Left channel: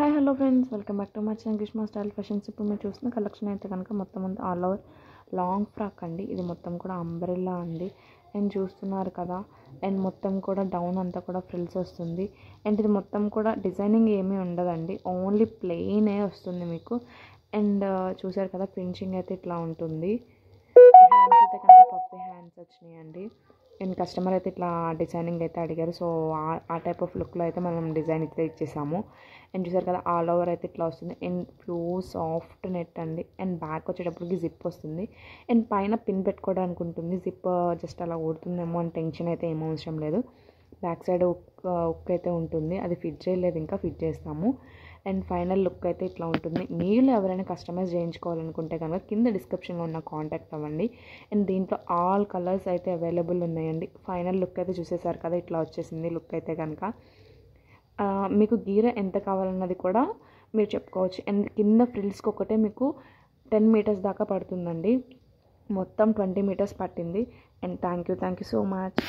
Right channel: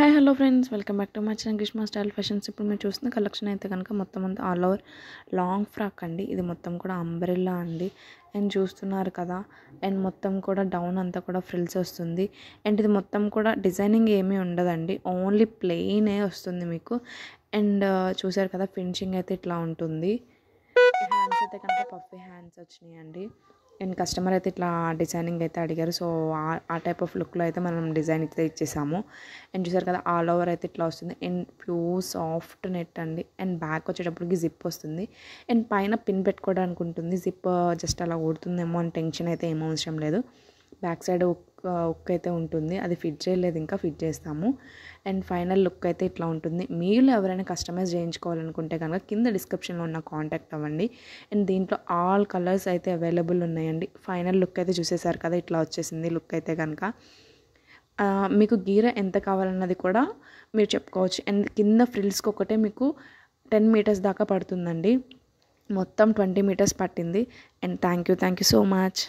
Hi hello friends, welcome back to my channel Greeshma style fashions. ఇప్పుడు మీరు చూస్తున్న collection అయితే కనుక మొత్తం అంతా ఆల్ ఓవర్ లాంగ్ ఫ్రాక్ అండి. ఇది మొత్తం కూడా అంబ్రెల్లా అండి. అండ్ చూస్తున్నారు కదా, అండ్ మొత్తం కూడా డౌన్ అంతా కూడా ఫ్రిల్స్ వస్తుంది. అండ్ ఇది మొత్తం కూడా డిజైనింగ్ ఏమీ ఉండదండి, ఓన్లీ ప్లెయినే వస్తుంది మీకు. అండ్ చూసారు కదా, ఫినిషింగ్ అయితే ఇట్లా ఉంటుంది. హ్యాండ్స్ అయితే కనుక పఫీ హ్యాండ్స్ వచ్చినాయండి. అండ్ కస్టమర్ అయితే ఇట్లా డిజైనింగ్ అయితే అడిగారు, సో ఆ టైప్ ఆఫ్ లుక్లో అయితే మనం డిజైన్ అయితే ఇచ్చేసాము. అండ్ చూసారు కదా, ఆల్ ఓవర్ అయితే ఇట్లా వస్తుంది. అండ్ ప్యూర్ సాఫ్ట్ నెట్ అండి. అండ్ బ్యాక్ వచ్చేటప్పటికి జిప్ వస్తుంది. అండ్ పైన పిన్ పెట్టుకోవడానికి ఉంటుంది. జిప్ జస్ట్ అలా ఊడుతుందేమో అని టెన్షన్ అయితే ఏం అవసరం లేదు. బ్యాక్ సైడ్ ఉక్ అయితే ఉంటుంది, అది ఫిట్ చేయలేదు, ఇంకా ఫిట్ చేస్తాము. అండ్ ఫైనల్ లుక్ అయితే ఇట్లా ఉంటుంది. మీరు ఎవరైనా కస్టమైజ్ చేయించుకోవాలనుకుంటే కనుక కింద డిస్క్రిప్షన్లో ఉన్న కాంటాక్ట్ అవ్వండి. అండ్ దీంట్లో ఆల్ కలర్స్ అయితే అవైలబుల్ ఉన్నాయండి. ఫైనల్ లుక్ అయితే చూసేసారు కదా, ఇట్లా వచ్చేసింది లుక్ అయితే కనుక. మీకు గీర ఎంత కావాలన్నది కూడా మీరు చెప్పుకోవచ్చు. అండ్ కింద ఫ్రిల్స్కి ఒకటే మీకు 10 మీటర్స్ దాకా పడుతుందండి. మొత్తం 20 మీటర్స్ పట్టింది. And thank you so much.